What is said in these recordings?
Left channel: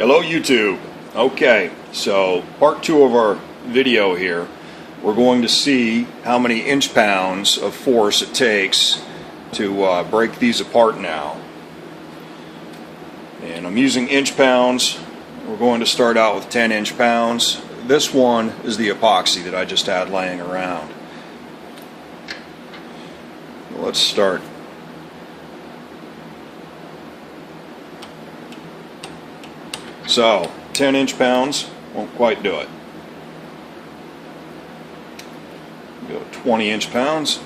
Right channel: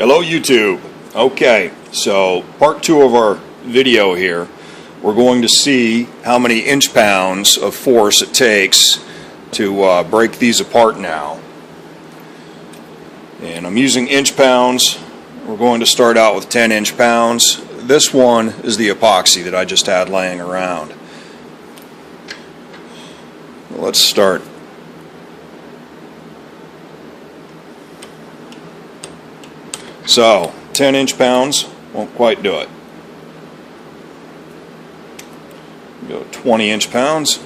Hello YouTube. Okay, so part 2 of our video here. We're going to see how many inch-pounds of force it takes to break these apart now. And I'm using inch-pounds. We're going to start out with 10 inch-pounds. This one is the epoxy that I just had laying around. Let's start. So, 10 inch-pounds won't quite do it. Go 20 inch-pounds.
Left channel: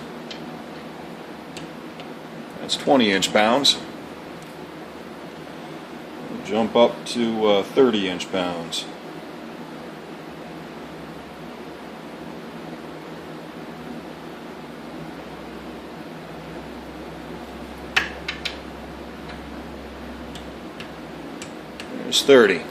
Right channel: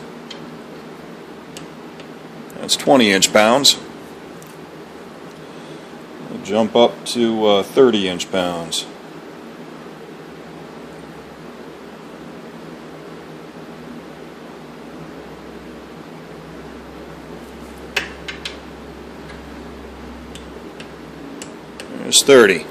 That's 20 inch-pounds. Jump up to 30 inch-pounds. There's 30.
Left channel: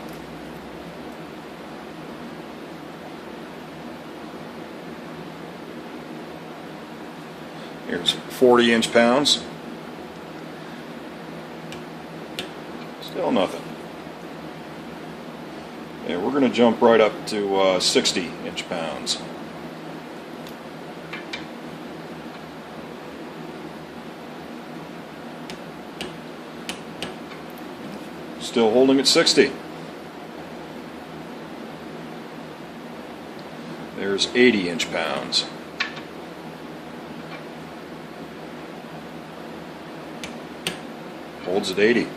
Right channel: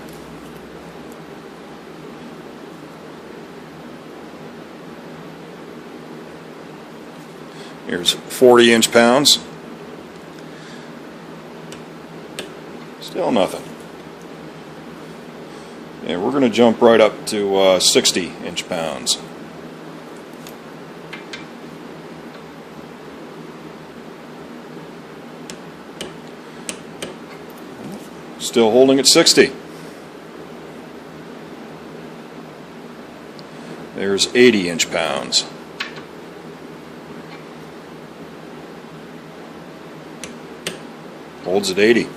Here's 40 inch-pounds. Still nothing. And we're going to jump right up to 60 inch-pounds. Still holding at 60. There's 80 inch-pounds. Holds at 80.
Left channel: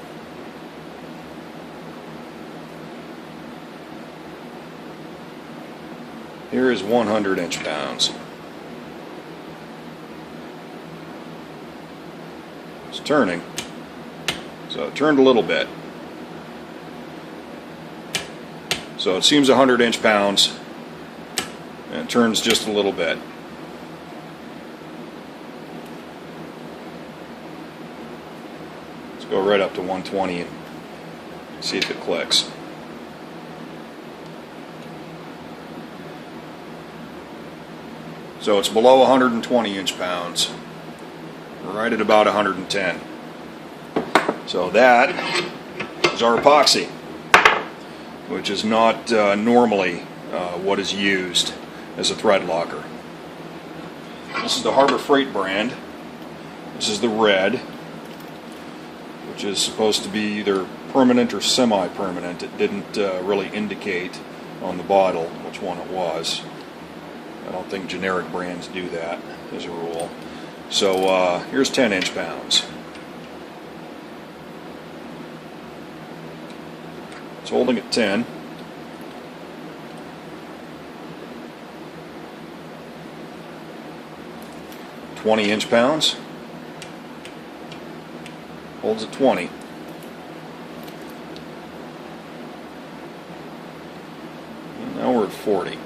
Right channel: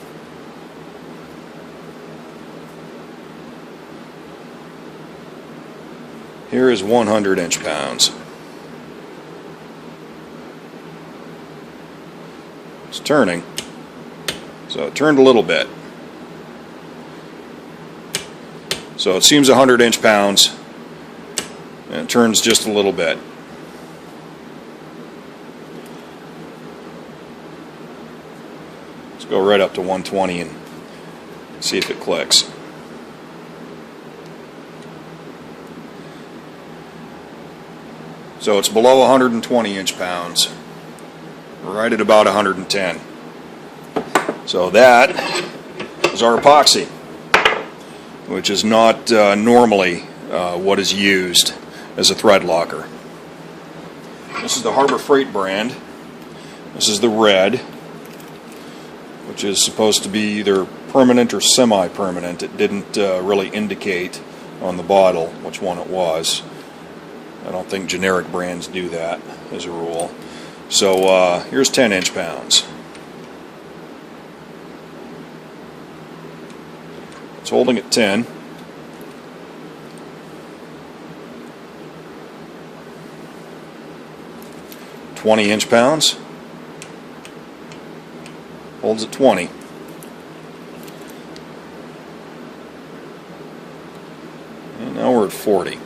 Here is 100 inch-pounds. It's turning. So it turned a little bit. So it seems 100 inch-pounds, and it turns just a little bit. Let's go right up to 120 and see if it clicks. So it's below 120 inch-pounds, right at about 110. So that is our epoxy, which is not normally what is used as a thread locker. This is the Harbor Freight brand. This is the red, which is supposed to be either permanent or semi-permanent. It didn't really indicate on the bottle which one it was. I don't think generic brands do that as a rule. So here's 10 inch-pounds. It's holding at 10. (20 inch-pounds). Holds at 20. And now we're at 40.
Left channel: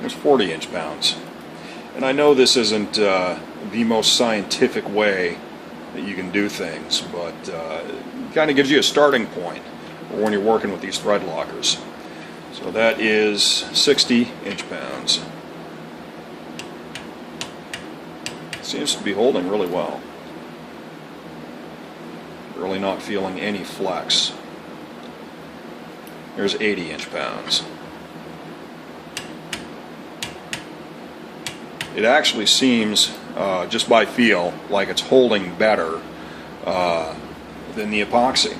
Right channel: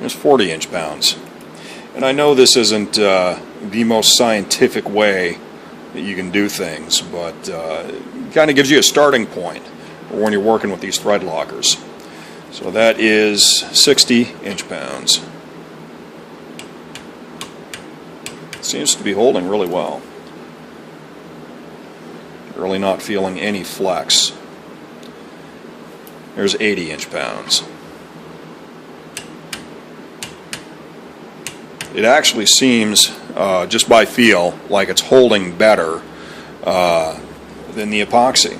There's 40 inch-pounds. And I know this isn't the most scientific way that you can do things, but it kind of gives you a starting point when you're working with these thread lockers. So that is 60 inch-pounds. Seems to be holding really well. Really not feeling any flex. There's 80 inch-pounds. It actually seems, just by feel, like it's holding better than the epoxy.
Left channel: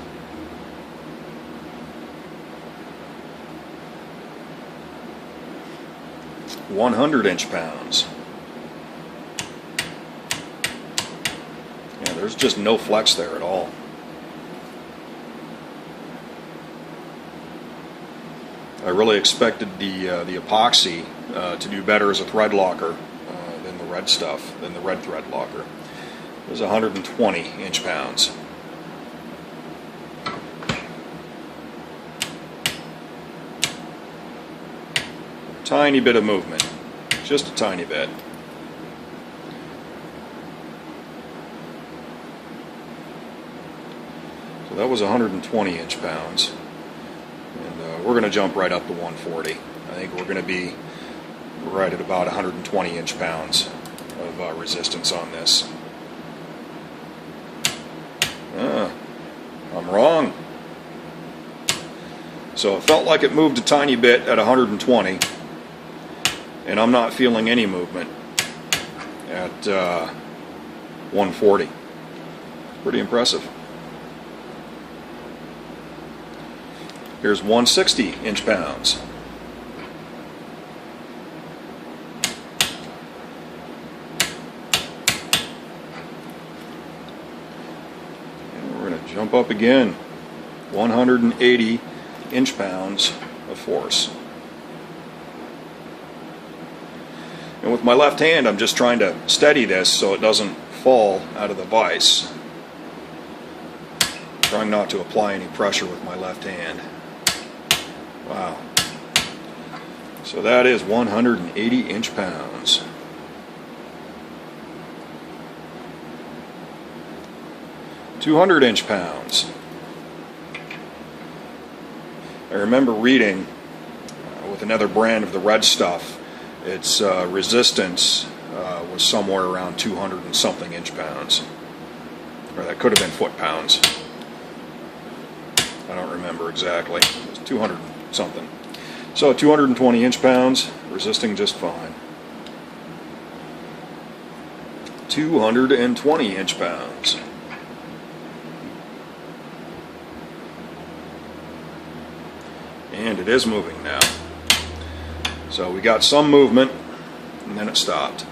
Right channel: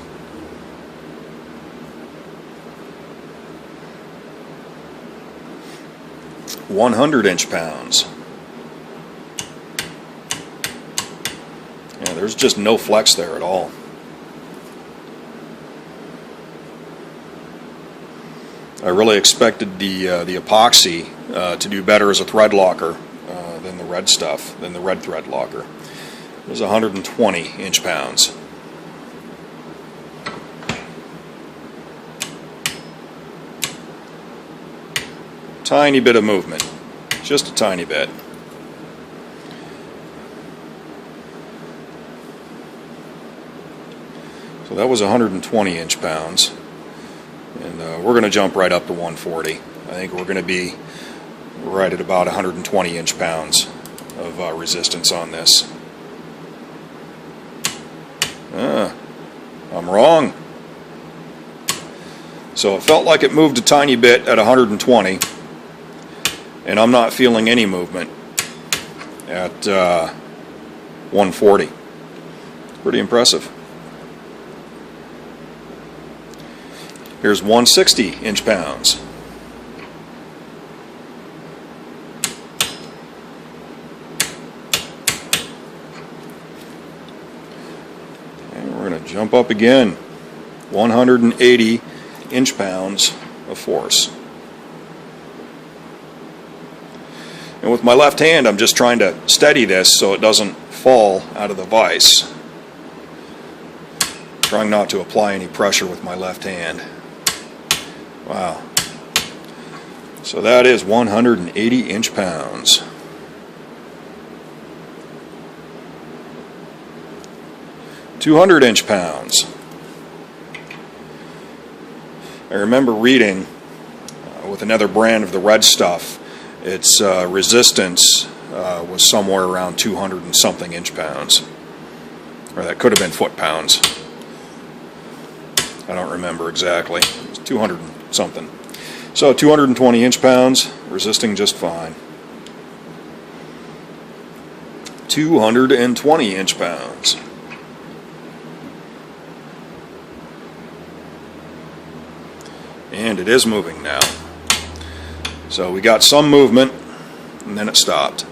(100 inch-pounds). Yeah, there's just no flex there at all. I really expected the epoxy to do better as a thread locker than the red stuff, than the red thread locker. It was 120 inch-pounds. Tiny bit of movement, just a tiny bit. So that was 120 inch-pounds. And we're going to jump right up to 140. I think we're going to be right at about 120 inch-pounds of resistance on this. I'm wrong. So it felt like it moved a tiny bit at 120, and I'm not feeling any movement at 140. Pretty impressive. Here's 160 inch-pounds. And we're going to jump up again. 180 inch-pounds of force. And with my left hand, I'm just trying to steady this so it doesn't fall out of the vise. Trying not to apply any pressure with my left hand. Wow. So that is 180 inch-pounds. (200 inch-pounds). I remember reading with another brand of the red stuff, its resistance was somewhere around 200 and something inch-pounds. Or that could have been foot-pounds. I don't remember exactly. It was 200 something. So 220 inch-pounds, resisting just fine. 220 inch-pounds. And it is moving now. So we got some movement, and then it stopped.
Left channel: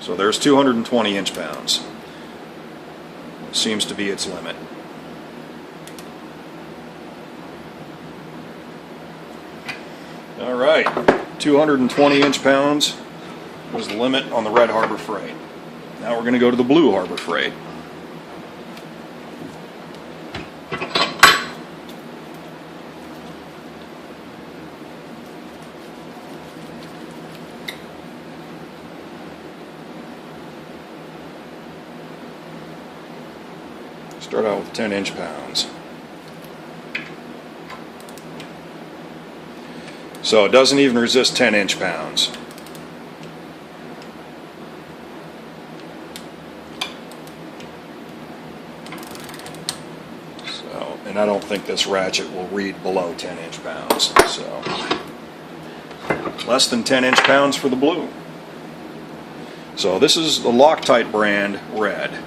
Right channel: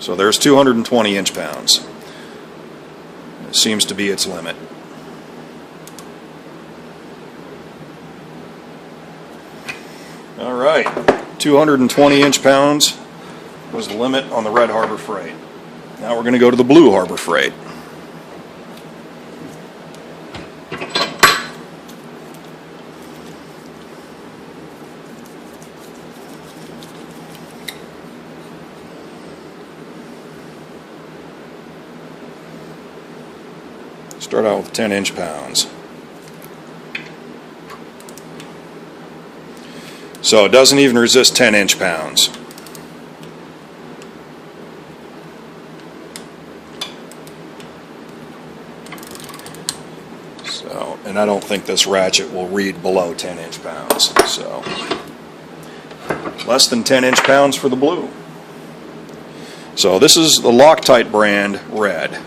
So there's 220 inch-pounds. Seems to be its limit. All right, 220 inch-pounds was the limit on the red Harbor Freight. Now we're going to go to the blue Harbor Freight. Start out with 10 inch-pounds. So it doesn't even resist 10 inch-pounds. So, and I don't think this ratchet will read below 10 inch-pounds. So less than 10 inch-pounds for the blue. So this is the Loctite brand red.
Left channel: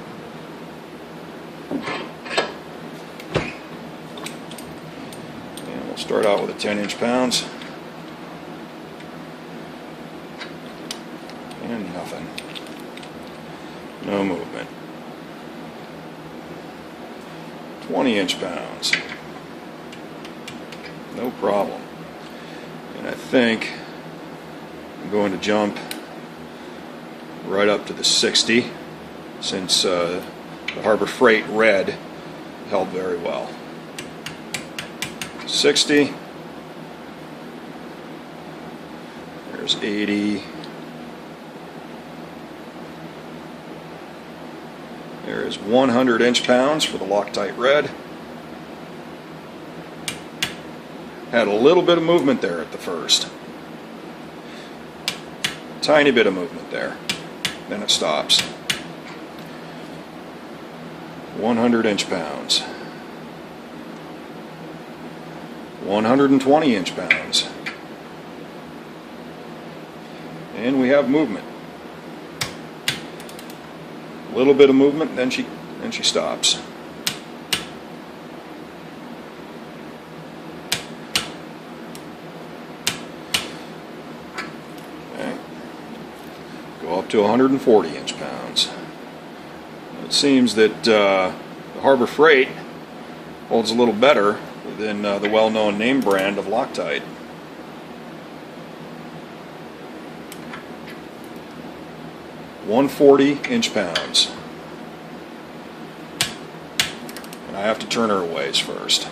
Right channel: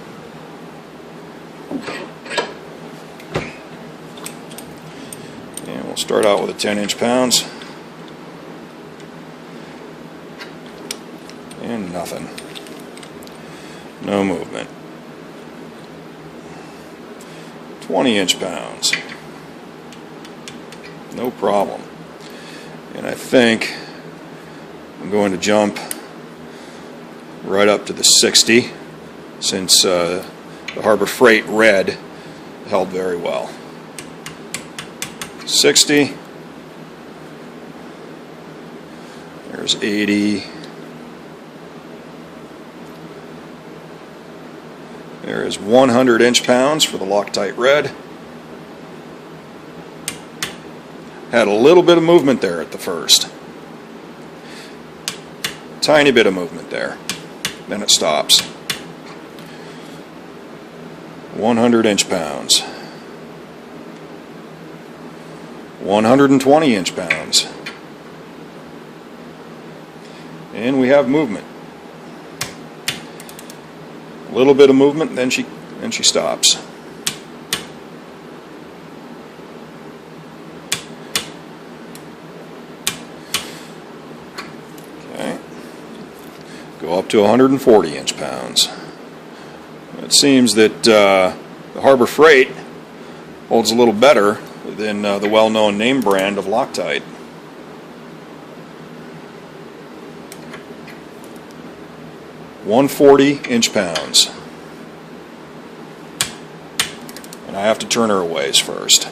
And we'll start out with a 10 inch-pounds. And nothing. No movement. 20 inch-pounds. No problem. And I think I'm going to jump right up to the 60, since the Harbor Freight red held very well. 60. There's 80. There is 100 inch-pounds for the Loctite red. Had a little bit of movement there at the first. Tiny bit of movement there. Then it stops. 100 inch-pounds. 120 inch-pounds. And we have movement. A little bit of movement, then she stops. Okay. Go up to 140 inch-pounds. It seems that the Harbor Freight holds a little better than the well-known name brand of Loctite. .140 inch-pounds. And I have to turn her a ways first.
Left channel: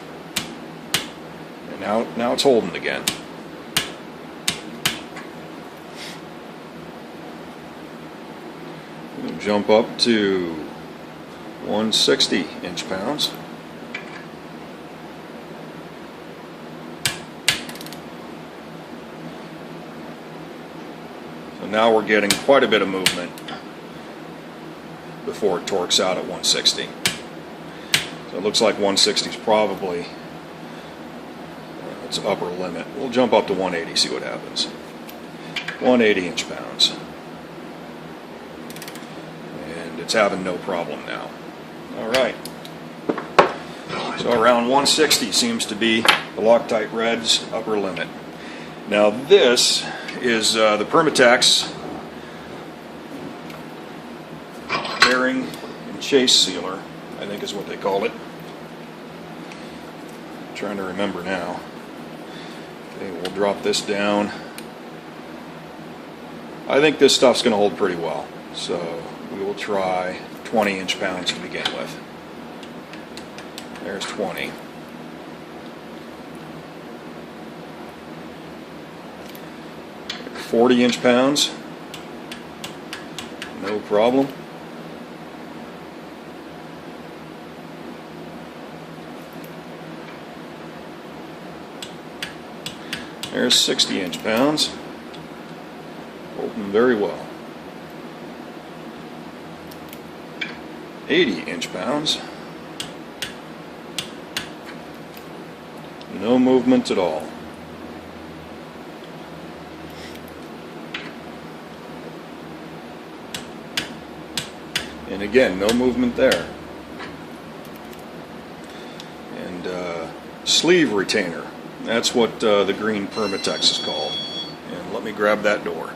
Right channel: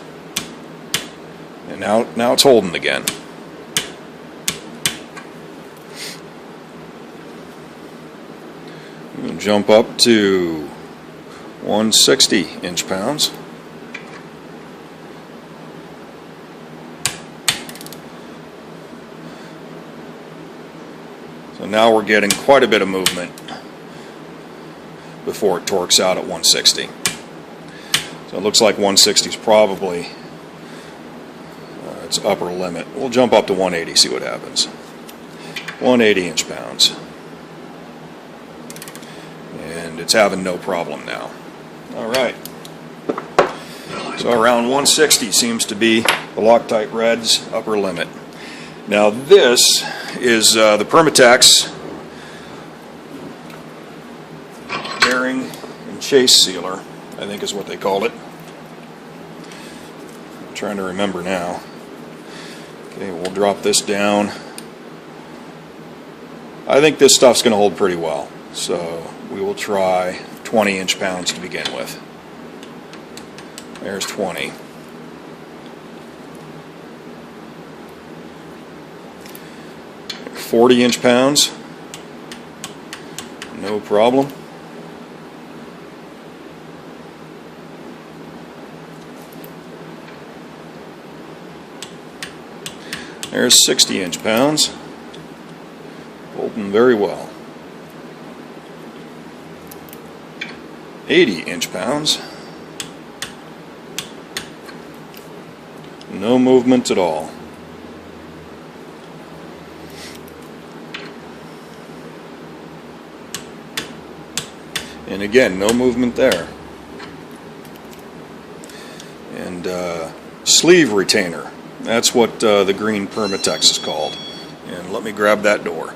And now it's holding again. We can jump up to 160 inch-pounds. So now we're getting quite a bit of movement before it torques out at 160. So it looks like 160 is probably its upper limit. We'll jump up to 180, see what happens. 180 inch-pounds. And it's having no problem now. Alright. So around 160 seems to be the Loctite Red's upper limit. Now this is the Permatex bearing and chase sealer, I think is what they called it. I'm trying to remember now. Okay, we'll drop this down. I think this stuff's going to hold pretty well, so we will try 20 inch-pounds to begin with. There's 20. $40 inch-pounds, no problem. There's 60 inch-pounds, holding very well. 80 inch-pounds, no movement at all. And again, no movement there. And sleeve retainer, that's what the green Permatex is called. And let me grab that door.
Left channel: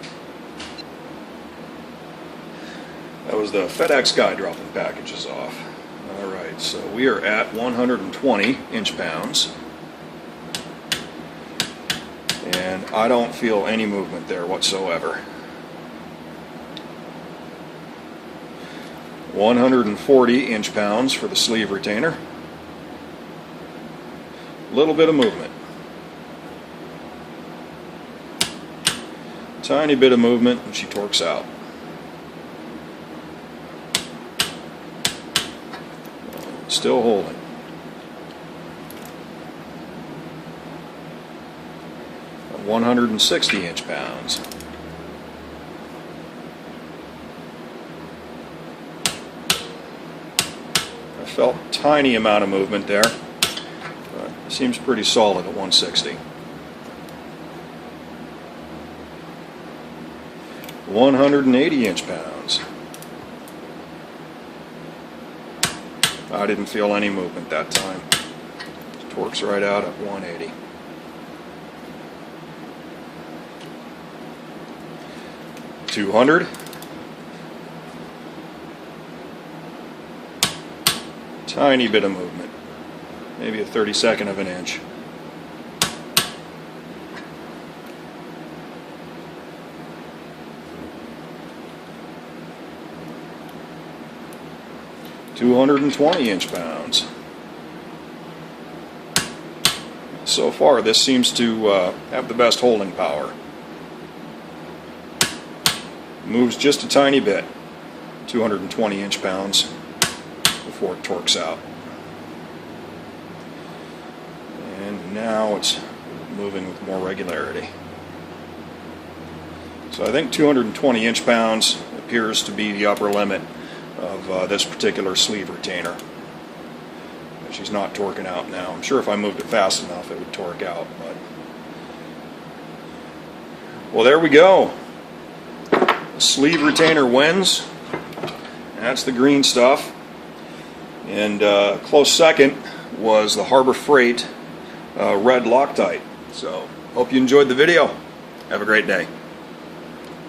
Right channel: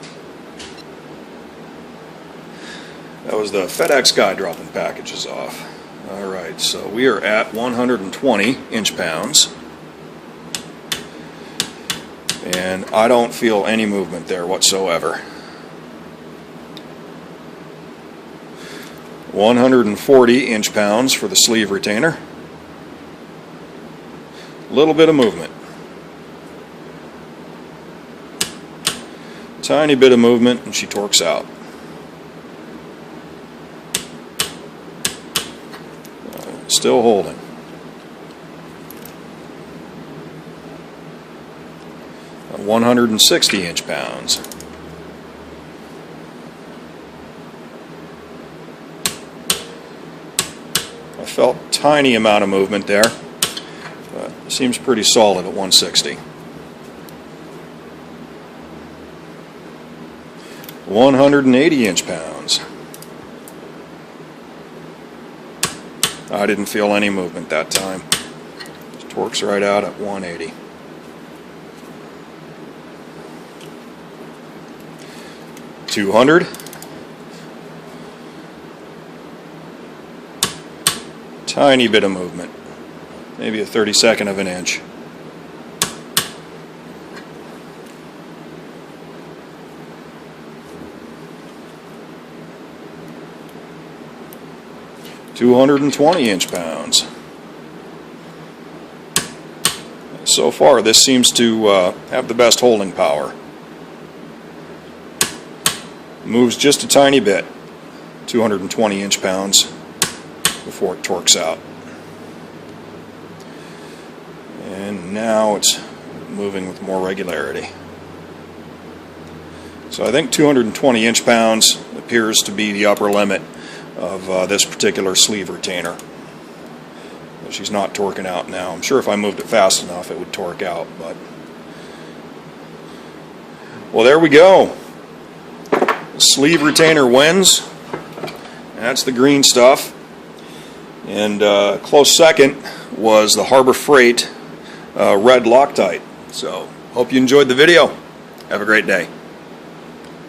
That was the FedEx guy dropping packages off. Alright, so we are at 120 inch-pounds. And I don't feel any movement there whatsoever. 140 inch-pounds for the sleeve retainer. A little bit of movement. Tiny bit of movement and she torques out. Still holding. At 160 inch-pounds. Felt tiny amount of movement there, but it seems pretty solid at 160. 180 inch-pounds. I didn't feel any movement that time. It torques right out at 180. 200. Tiny bit of movement, maybe a 32nd of an inch. $220 inch-pounds. So far, this seems to have the best holding power. Moves just a tiny bit, 220 inch-pounds. Before it torques out. And now it's moving with more regularity. So I think 220 inch-pounds appears to be the upper limit of this particular sleeve retainer. She's not torquing out now. I'm sure if I moved it fast enough it would torque out, but well, there we go. The sleeve retainer wins. That's the green stuff. And close second was the Harbor Freight red Loctite. So, hope you enjoyed the video. Have a great day.